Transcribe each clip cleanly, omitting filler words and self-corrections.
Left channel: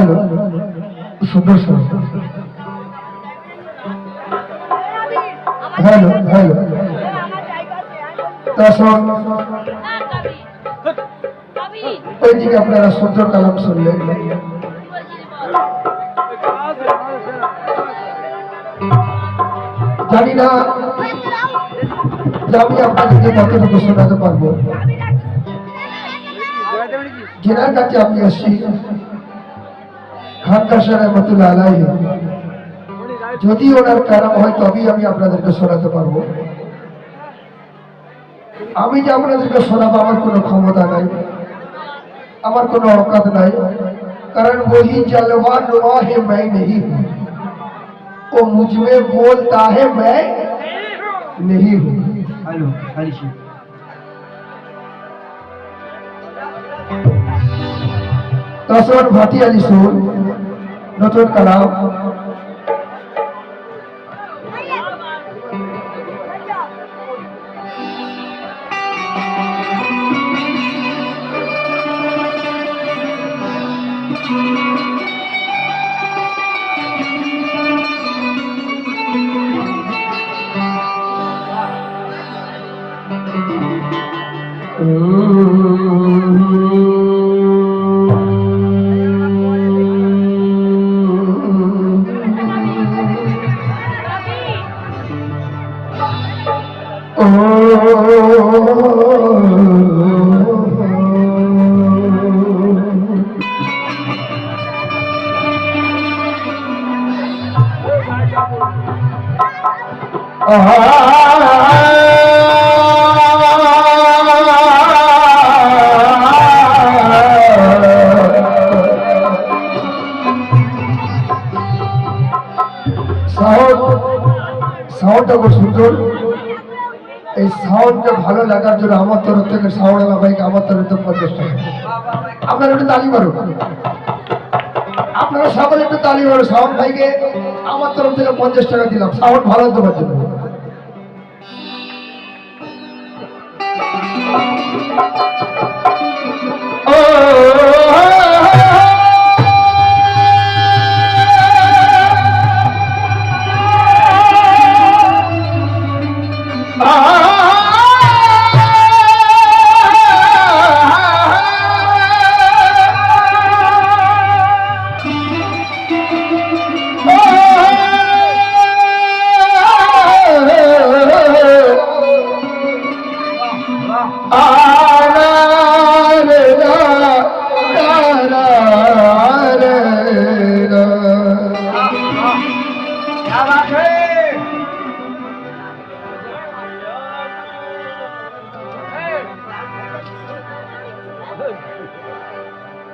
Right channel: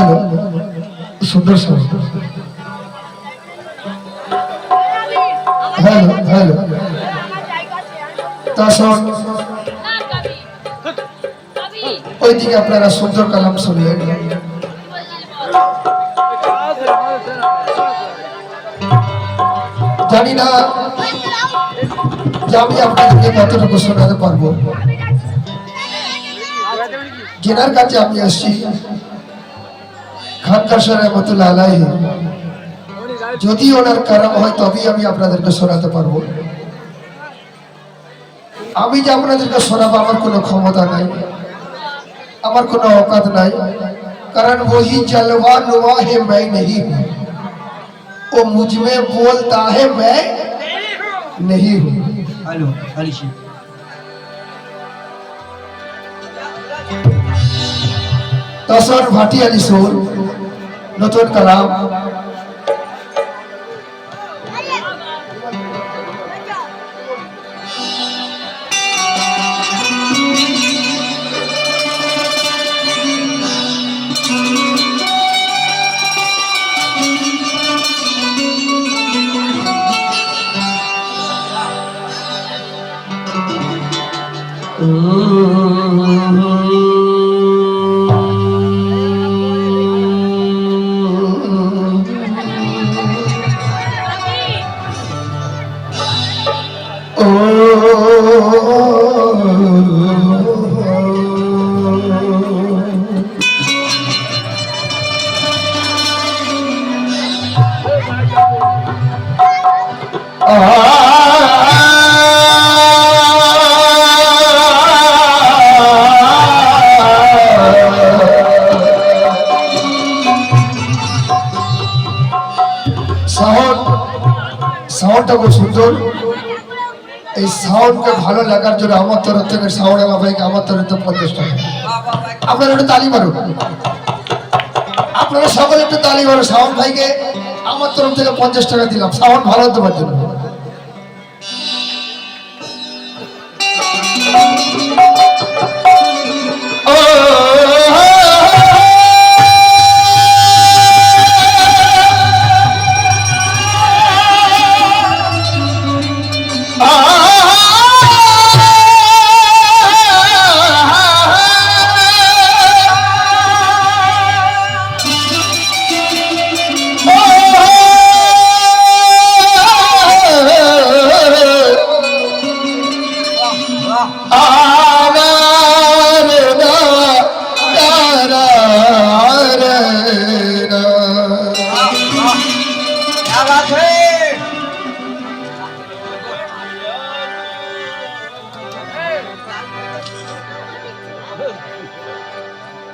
Hello সুন্দর স্বর hello hello তখন ওইদিকে আপনারা সুন্দর কালাম শুনলেন জানি না যে আমি আপনাদেরকে কতটুকু শোনাতে পারবো যেনার কাছে আমি এসছি খান কাশা রহমতুল্লাহ আলাইহি যদি ওনার কারাম হয় তবেই আমি আপনাদেরকে শোনাতে পারবো আমি যে আপনাদেরকে শোনাবো আমার কোনো ক্ষমতা নাই আমার কোনো औकात নাই কারণ वही जलवा नुमा है मैं नहीं हूं वो मुझ में बोलता है मैं नहीं हूं हेलो हरीश तसर भाटियाली सुर नतुन कलाम সাউন্ডটা খুব সুন্দর এই সাউন্ডকে ভালো লাগার জন্য আমার তরফ থেকে সাউন্ড ভাইকে আমার তরফ থেকে 50 টাকা আপনারা একটু তালি মারুন আপনারা সকলে একটু তালি মারুন সাউন্ড ভাইকে আমার তরফ থেকে 50 টাকা দিলাম সাউন্ড ভালো দেওয়ার জন্য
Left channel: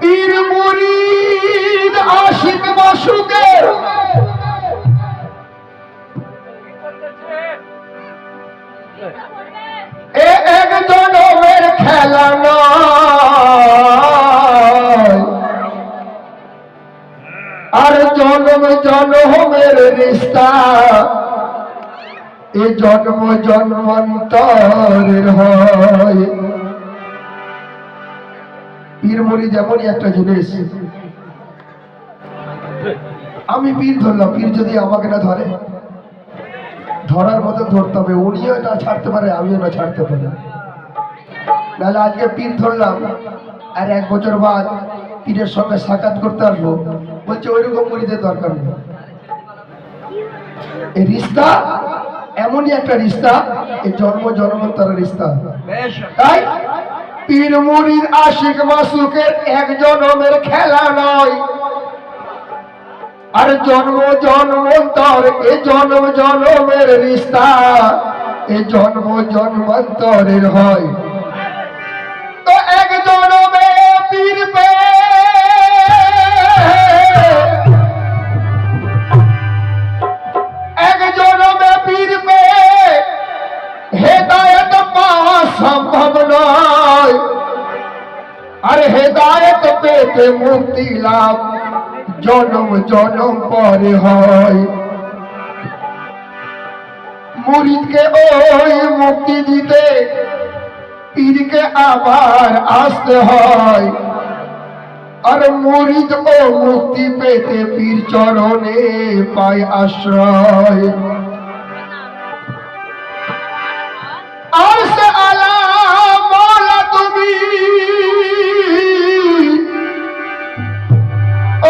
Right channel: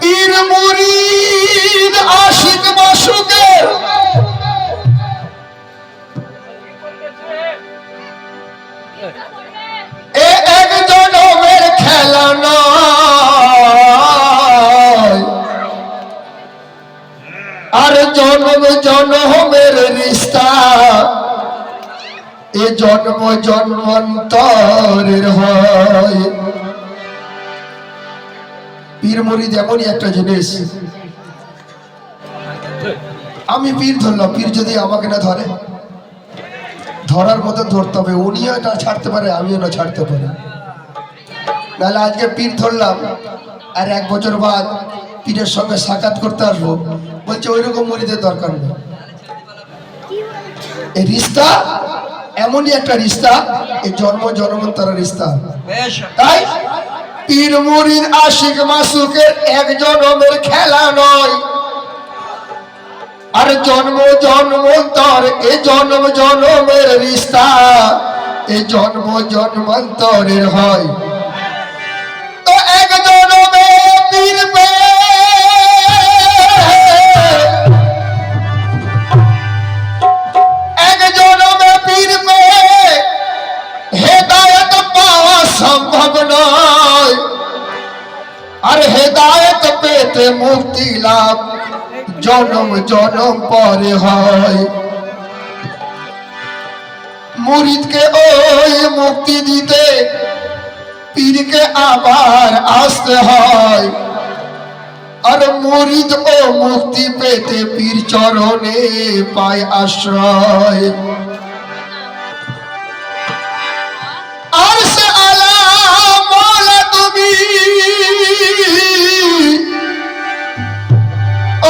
পীর মুরিদ আশিক মাশুকের এক জনমের খেলা নয় আর জন্ম জন্মের রিস্তা এ জন্ম জন্মান্তরের হয় পীর মুরিদ এমনই একটা জিনিস আমি পীর ধরলাম পীর যদি আমাকে না ধরে ধরার মতো ধরতে হবে উনিও এটা ছাড়তে পারে আমিও না ছাড়তে পারি নাহলে আজকে পীর ধরলাম আর 1 বছর বাদ পীরের সঙ্গে সাক্ষাৎ করতে আসবো বলছে ওইরকম মুরিদের দরকার নেই এই রিস্তা এমনই একটা রিস্তা এই জন্ম জন্মান্তরের রিস্তা তাই পীর মুরিদ আশিক মাসুকের এক জনমের খেলা নয় আর জন্ম জন্মান্তর এই জন্ম জন্মের রিস্তা এই জন্ম জন্মান্তরের হয় তো এক জনমে পীর এক জনমে পীর হেদায়েত পাওয়া সম্ভব নয় আর হেদায়েত পেতে মুক্তি লাভ জন্ম জন্ম পরে হয় মুরিদকে ওই মুক্তি দিতে পীরকে আবার আসতে হয় আর মুরিদ ও মুক্তি পেতে পীর চরণে পায় আশ্রয়। আর সে আলা মওলা তুমি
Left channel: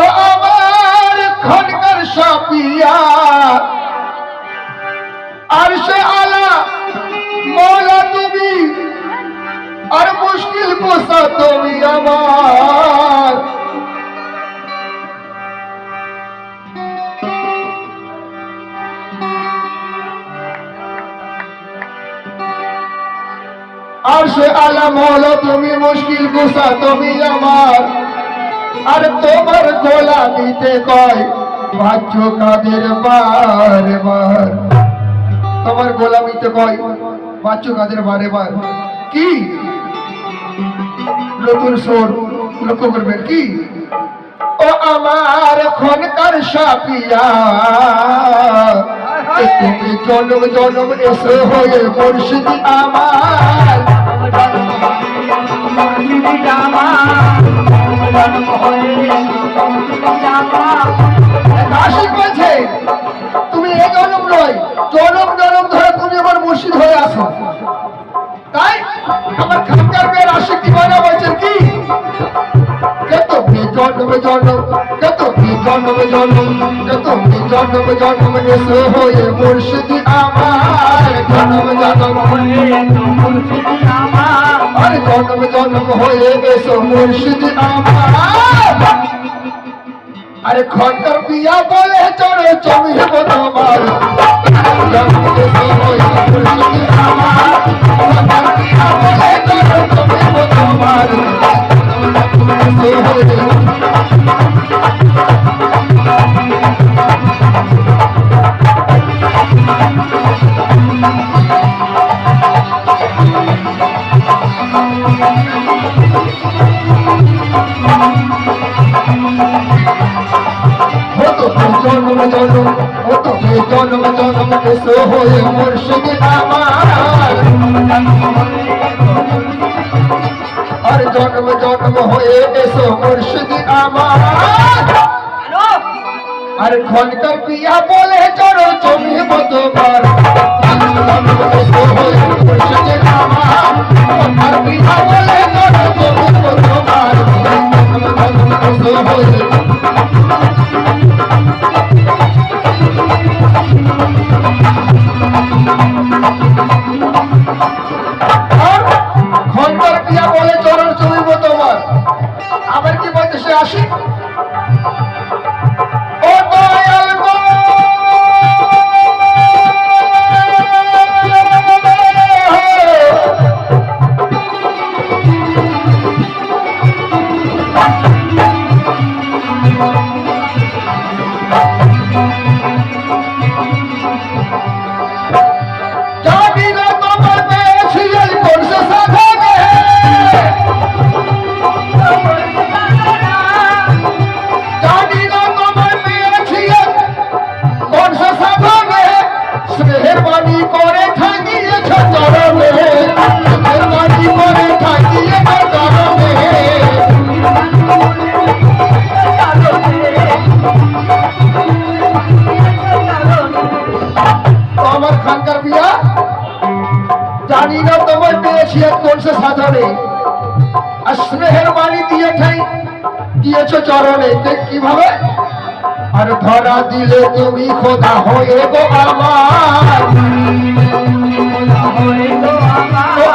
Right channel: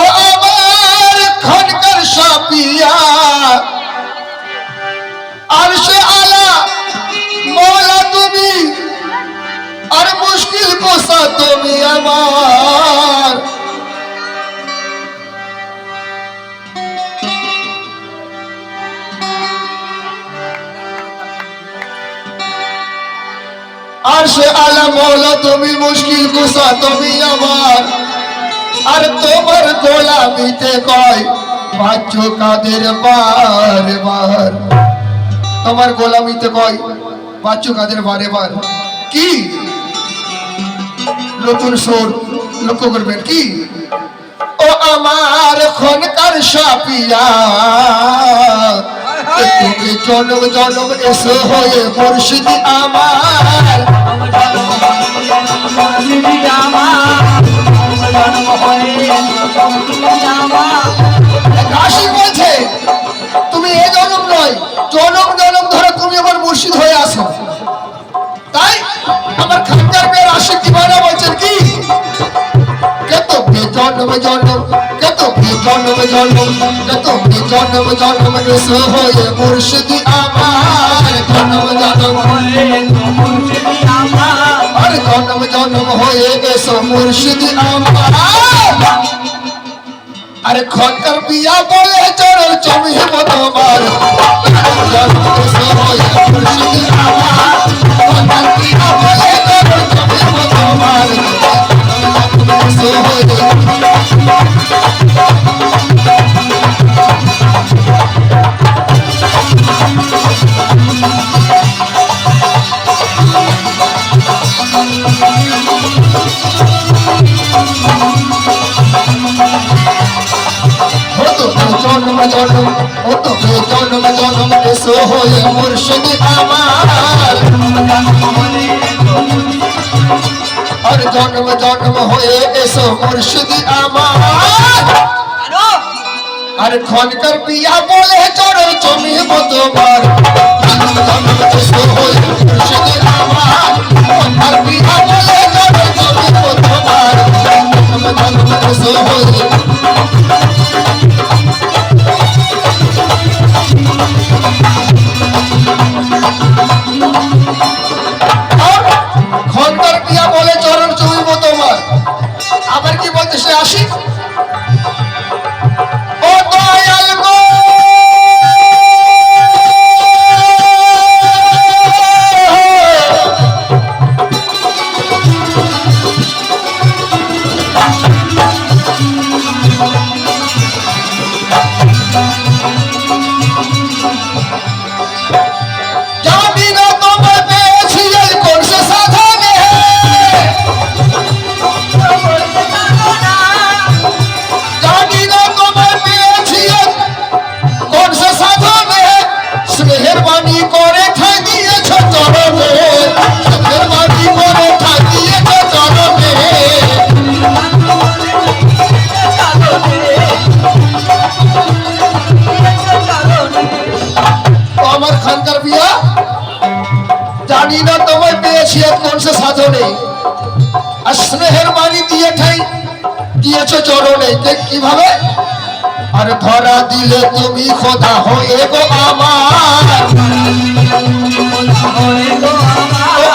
ও আমার খনকার সাপিয়া। আর সে আলা মওলা তুমি আর মুশকিল কোসা তুমি আমার। আর সে আলা মওলা তুমি মুশকিল কোসা তুমি আমার। আর তোমার গোলামিতে কয় বাচ্চ কাদের বার বার। তোমার গোলামিতে কয় বাচ্চ কাদের বারে বার। কি নতুন সুর লক্ষ্য করবেন কি? ও আমার খনকার সাপিয়া তুমি জনম জনম এসো হয়ে মুর্শিদ আমার। আশিক বলছে তুমি এ জনম নয় জনম জনম ধরে তুমি আমার মুর্শিদ হয়ে আসো। তাই আমার খানকার মেয়ের আশিক দিওয়ানা বলছেন কি? কত জন্ম জন্ম কত জন্ম জন্ম কত জন্ম জন্ম এসো হয়ে মুর্শিদ আমার। জন্ম জন্ম আর জন্ম জন্ম হয়ে এসো মুর্শিদ আমার। আরে খনকার বিয়া বলে চড়ে জমিব তোমার। জন্ম এসো হয়ে মুর্শিদ আমার। খনকার বিয়া বলে চড়ে জমিব তোমার। এসো হয়ে জন্ম জন্ম ও তুমি জন্ম জন্ম এসো হয়ে মুর্শিদ আমার। আর জন্ম জন্ম হয়ে এসো মুর্শিদ আমার। আর খনকার পিয়া বলে চরণ জমিব তোমার। এসো হয়ে মুর্শিদ আমার। খনকার পিয়া বলে চরণ জমিব তোমার। এসো হয়ে খনকার পিয়া বলে চরণ জমিব তোমার। আবার কি বলতে সে আসি? ও দয়াল গো জানি না তোমার পেয়েছি কোন সে সাধনে। আর স্নেহের বাণী দিয়ে ঠাই দিয়েছ চরণে। কিভাবে? আর ধরা দিলে তুমি খোদা হয়ে গো আমার।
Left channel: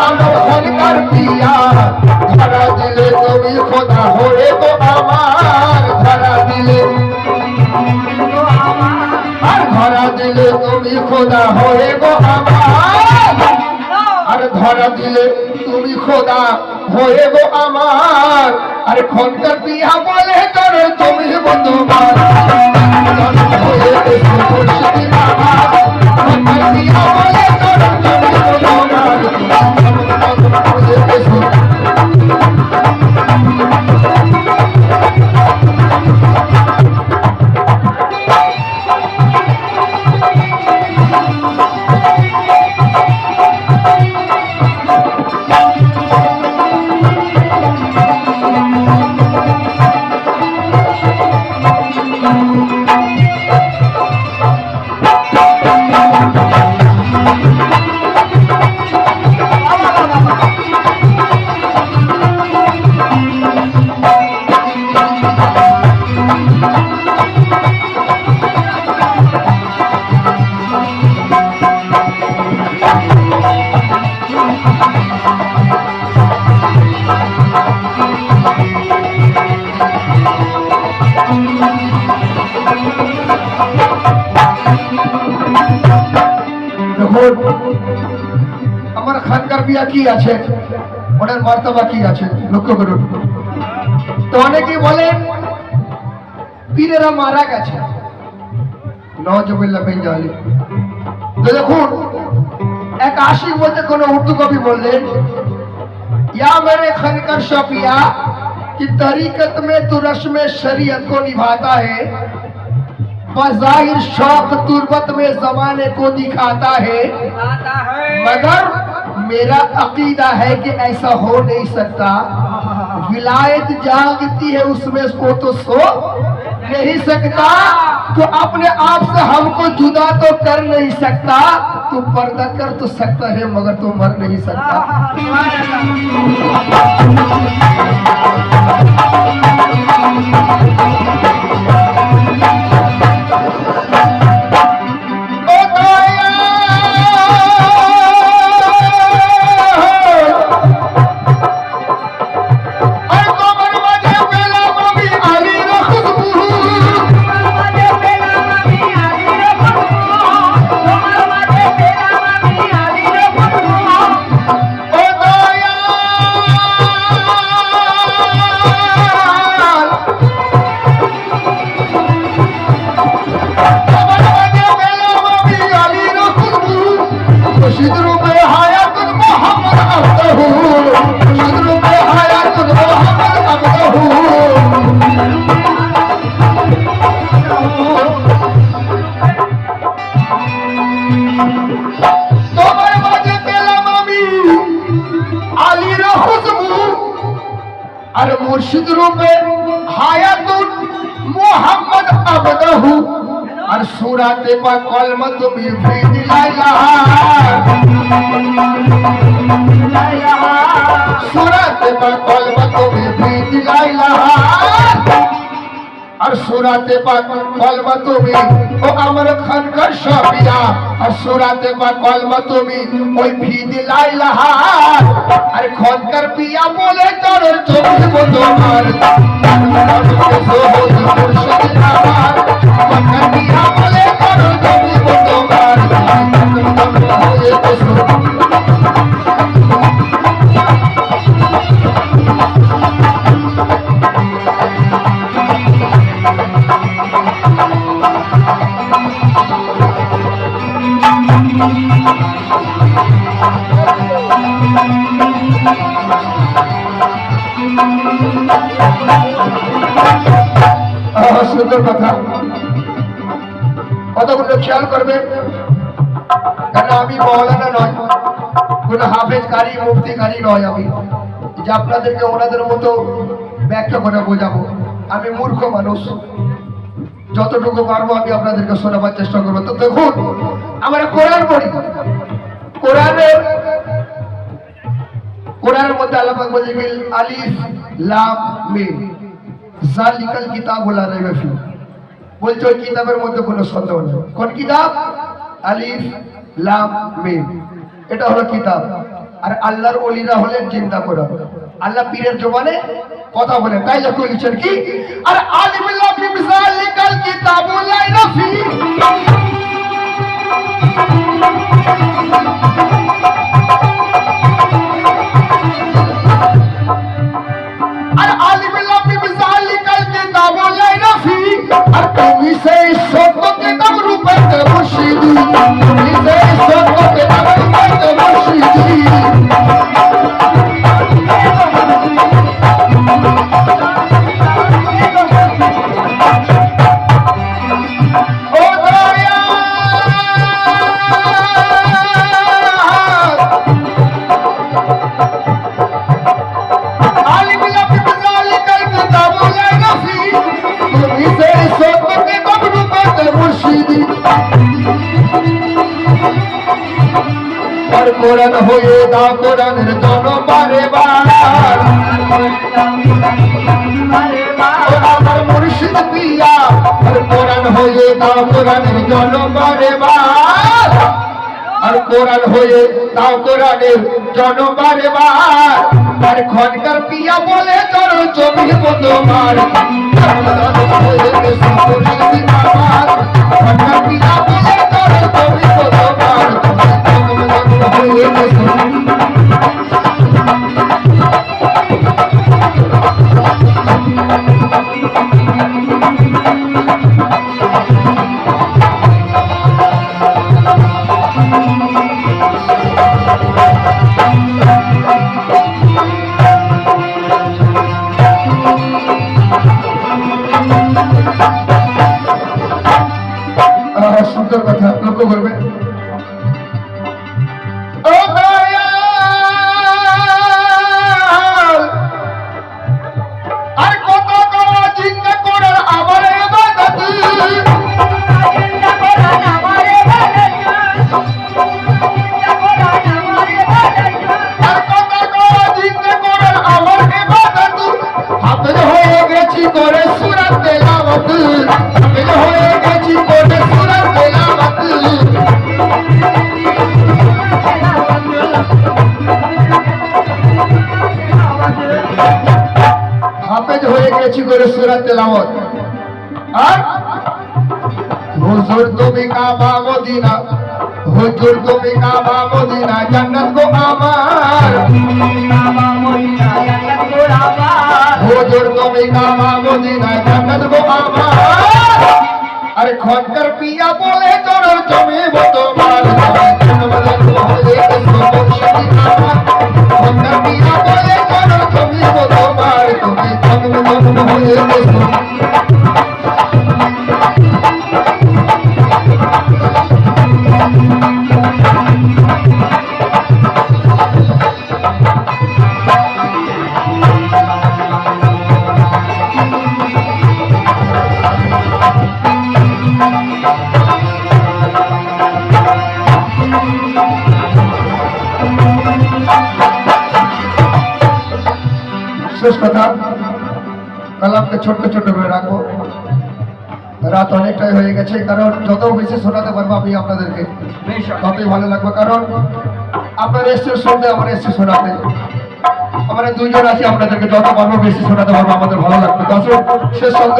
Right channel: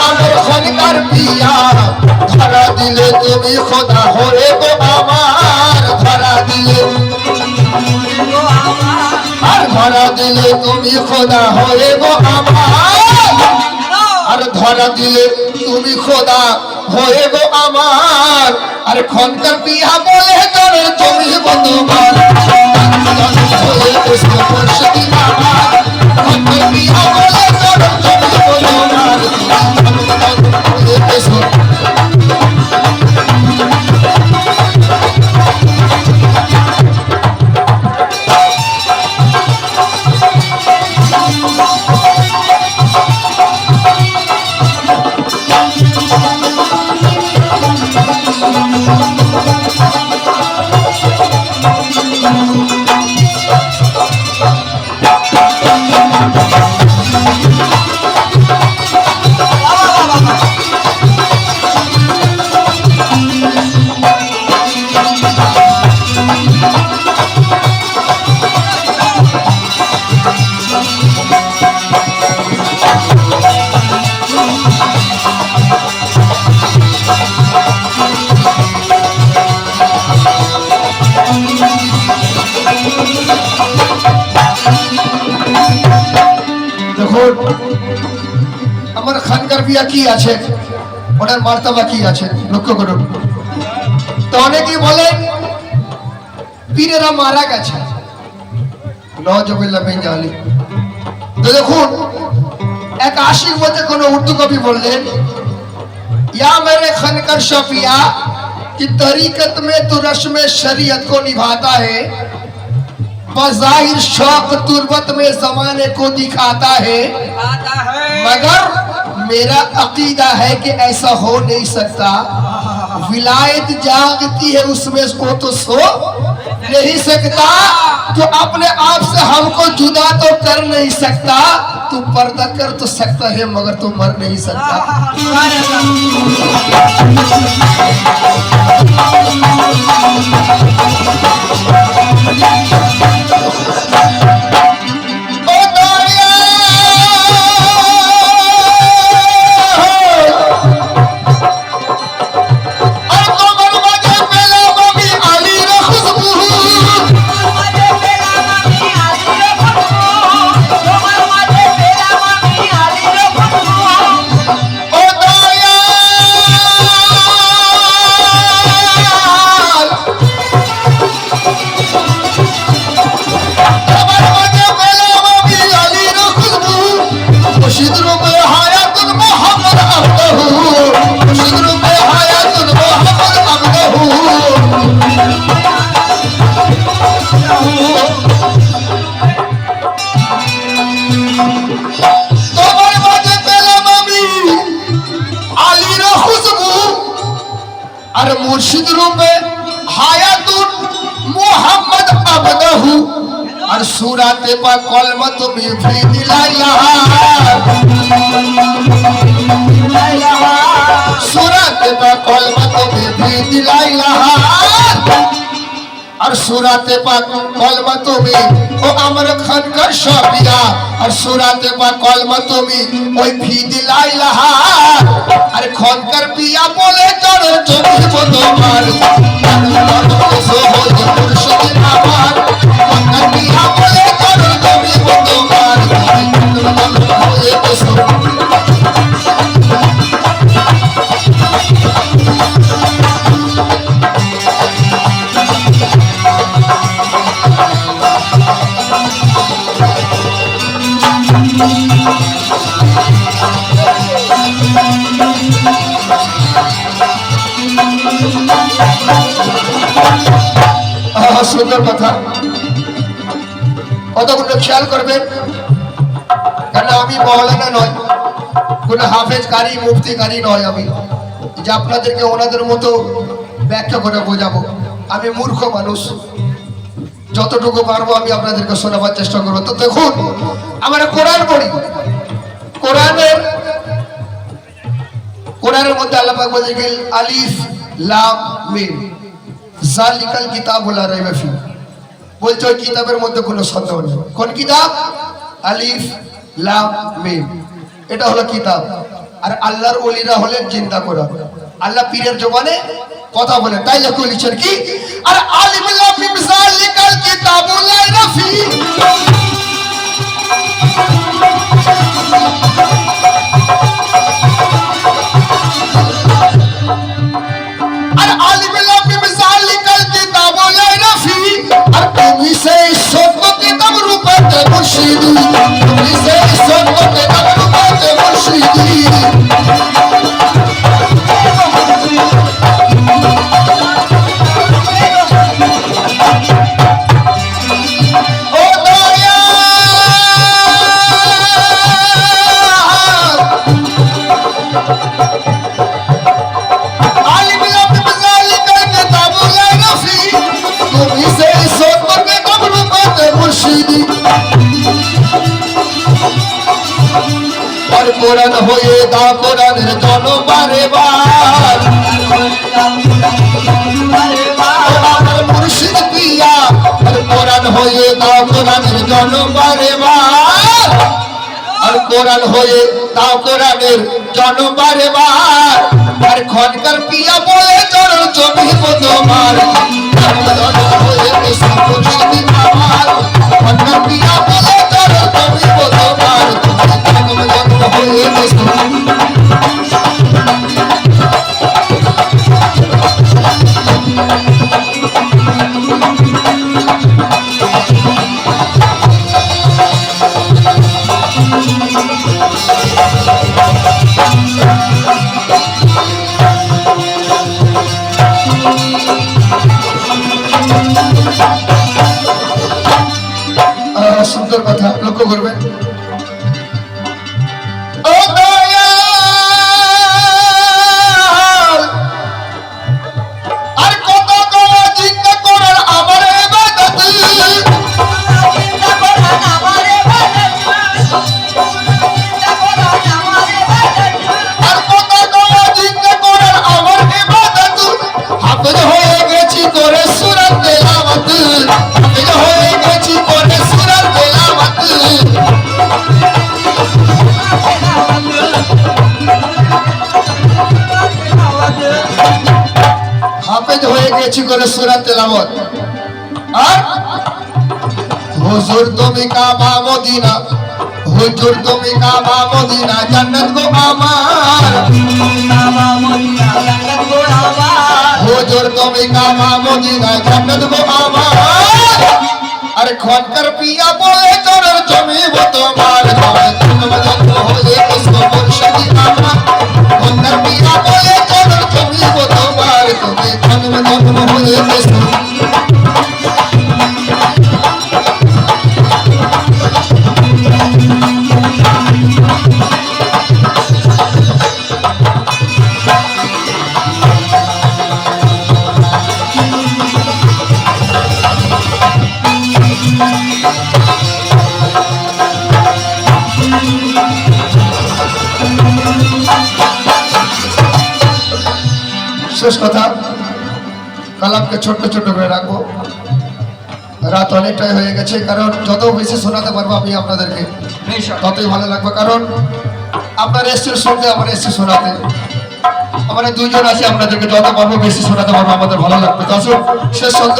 আমার খনকার পিয়া ধরা দিলে তুমি খোদা হয়ে গো আমার। ধরা দিলে আর ধরা দিলে তুমি খোদা হয়ে গো আমার। আর ধরা দিলে তুমি খোদা হয়ে গো আমার। আর খনকার পিয়া বলে চলে তুমি তোমার। হয়ে এসো মুর্শিদ আমার। খনকার পিয়া বলে চলে তুমি তোমার। হয়ে এসো পিয়া কি আছে, ওনার মার্তবা কি আছে লক্ষ্য করুন। তো অনেকেই বলেন পীরেরা মারা গেছে, নওয়াজুবিল্লাহ বিন জালি। তো দেখুন এক আশিক বলতে কোন উর্দু কবি বললেন, या मेरे खनकर शफिया की तरीकत में तू रस्म शरीयत को निभाता है, बज़ाहिर शौक तुरबत में जमाने को दिखाता है, मगर मेरा अकीदा है कि ऐसा हो नहीं सकता। विलायत जागती है उसमें को तो सो नहीं सकता। तो अपने आप से हमको जुदा तो कर नहीं सकता। तू पर्दा कर तो सकता है मगर तू मर नहीं सकता। मुर्शिद रूपे हायातुन मोहम्मद अब्दहु और सूरत पर कलमत में भी दिलाया, सूरत पर कलमत में भी दिलाया और सूरत पर कलमत में ओ अमर खनकर शफिया और सूरत पर कलमत में ওই भी दिलाया। अरे खनकर पिया बोले चढ़े चोखी बोलो मार तो सो हो दी मुर्शिद आबाद। खनकर पिया बोले चढ़े चोखी बोलो मार तो सो সুন্দর কথা। অতগুলো খেয়াল করবেন, কারণ আমি মওলানা নয়, কোন হাফেজ কারি মুফতি কারি নয়, আমি যে আপনাদেরকে ওনাদের মতো ব্যাখ্যা করে বোঝাবো। আমি মূর্খ মানুষ, যতটুকু পারবো আমি আপনাদেরকে শোনাবার চেষ্টা করবো। তো দেখুন আমরা কোরআন পড়ি, কোরআনের মধ্যে আল্লাহ পাক বলেছেন আলিফ লাম মিম জালিকাল কিতাবু লা রাইবা ফি, বলছে ওই কিতাবের মধ্যে কোনো সন্দেহ নেই। কোন কিতাব? আলিফ লাম মিম, এটা হলো কিতাব। আর আল্লাহর ওলিরা হলেন জিন্দা কোরআন। আল্লাহ পীরের জবানে কথা বলেন, তাই লেখা লিখছেন কি, আর আলিফ লাম মিম জালিকাল কিতাবু লা রাইবা ফি। কোরআন হয়ে দাও কোরআনের জন্য বারে বার, আমার মুর্শিদ পিয়া আর কোরআন হয়ে দাও কোরআনের জন্য বারে বার, আর কোরআন হয়ে দাও কোরআনের জন্য বারে বার। আর খনকার পিয়া বলে চরণ ছবি তোমার মুর্শিদ আমার, খনকার পিয়া বলে চরণ ছবি তোমার। করবেন। ও দয়াল, আর কত চিন্তা করার আমার ইবাদত, আর কত চিন্তা করার আমার ইবাদত, হাফেজ হয়ে গেছি করে সূরা তেলাওয়াত, হাফেজ হয়ে গেছি করে সূরা তেলাওয়াত, হাফেজ হয়ে গেছি করে সূরা তেলাওয়াত। আর হুজুর তুমি কাবা মদিনা, হুজুর তুমি কাবা মদিনা, জান্নাত গো আমার, হুজুর তুমি কাবা মদিনা, জান্নাত গো আমার। আরে খনকার পিয়া বলে চরণ জমিব তোমার, হয়ে গেছো মুর্শিদি আমার, খনকার পিয়া বলে চরণ জমিব তোমার, তুমি হয়ে গেছো। শেষ কথা, কালামকে ছোট্ট ছোট্ট করে রাখবো, রাত অনেকটাই হয়ে গেছে, কারণ যত বেশি শোনাতে পারবো আমি আপনাদেরকে ততই ভালো লাগবে, কারণ আপনার এসছে শুনতে, আমার এসছে শোনাতে, আমরা দুজন আছি, আপনাদেরকে যত পারবো বেশি শোনাতে পারবো, আমাদের ভালো লাগবে। তো আসুন শেষ শব্দ।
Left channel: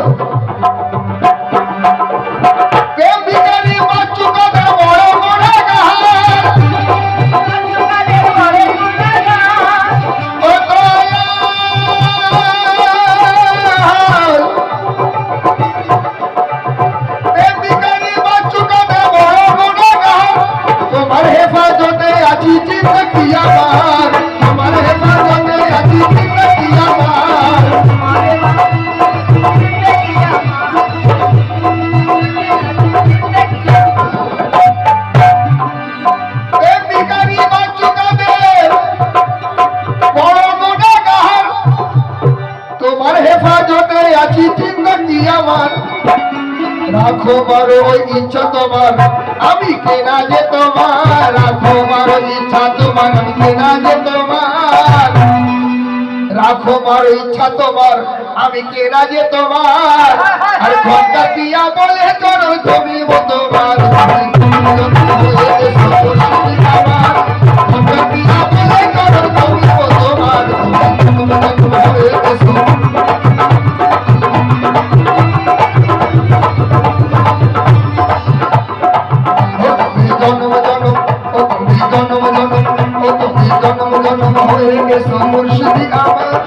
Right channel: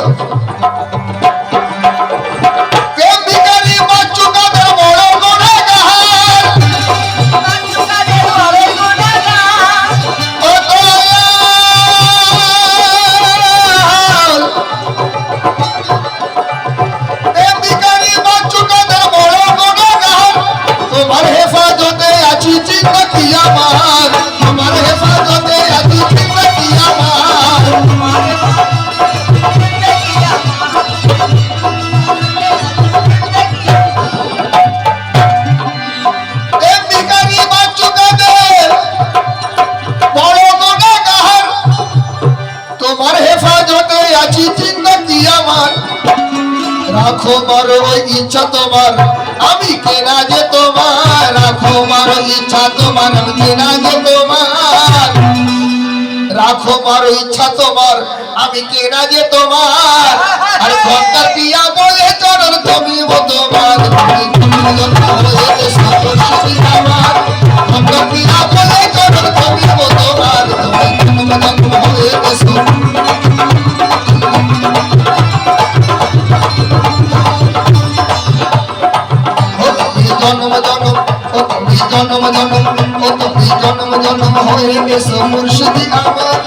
তোমার হেফাজতে আছি জিন্দগি আমার, তোমার হেফাজতে আছি জিন্দগি আমার, এ ভিখারি বাচ্চুকাদের বড় গুনাহগার, তোমার হেফাজতে আছি জিন্দগি আমার। রাখো বড় ইচ্ছা তোমার, আমি কেনা যে তোমার, রাখো বড় ইচ্ছা তোমার, আমি কেনা যে তোমার, রাখো বড় ইচ্ছা তোমার, আমি কেনা যে তোমার। আর খনকার পিয়া বলে চরণ তুমি তোমার, খনকার পিয়া বলে চরণ তুমি তোমার, হয়ে গেছো। জন্ম জন্ম ও তুমি জন্ম জন্ম, ও তুমি জন্ম জন্ম হয়ে গেছো মুর্শিদি আমার,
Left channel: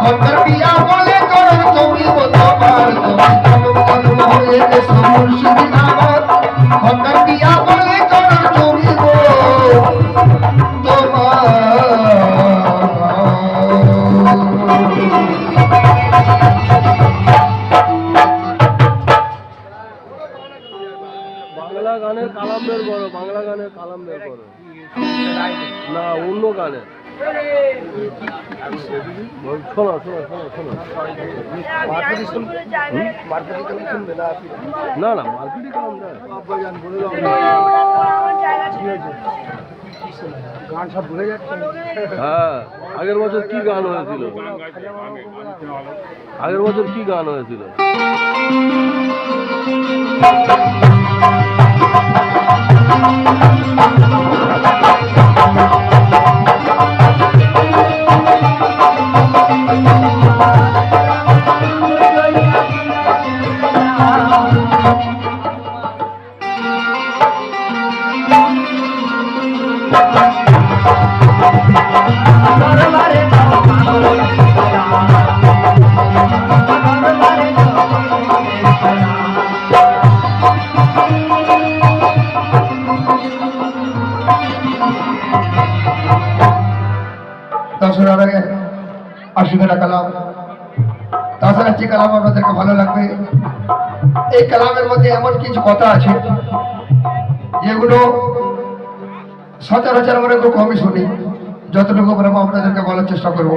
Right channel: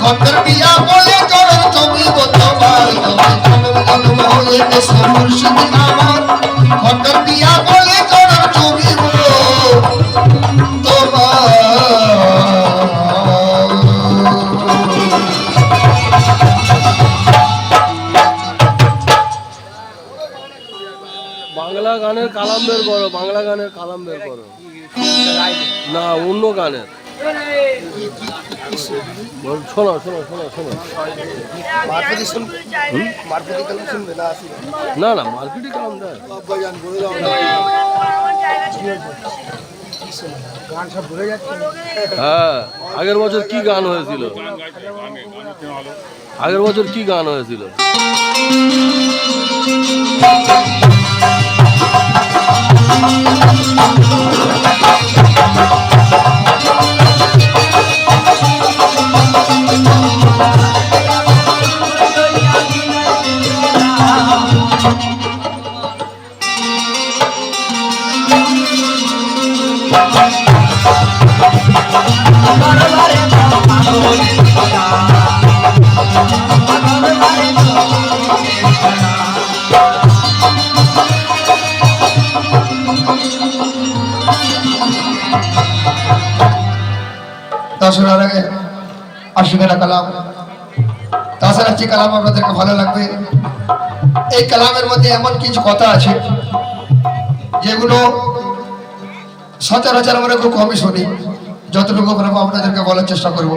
খনকার পিয়া বলে চরণ তুমি তোমার, তুমি জন্ম জন্ম হয়ে গেছো মুর্শিদি আমার, খনকার পিয়া বলে চরণ তুমি তোমার। বাংলা গানের কালাম বের করো, বাংলা গানের কালাম বের করো, না অন্য গানের। শোনো শোনো শোনো শোনো, না না মার্কেটে কালাম দেয়, গান সব ভুলে যাচ্ছে। হ্যাঁ আগের বছর কি গান হয়েছিল, আগের বছর কি গান হয়েছিল? শোনার আগে আশিখানা কালাম, তাছাড়া যে কালাম আপনাদেরকে ভালো লাগবে, এই কালামের মধ্যে এমন কিছু কথা আছে যেগুলো সচরাচর আমরা খুব কমই শুনি, যতটুকু পারবো আপনাদেরকে বলার চেষ্টা করবো।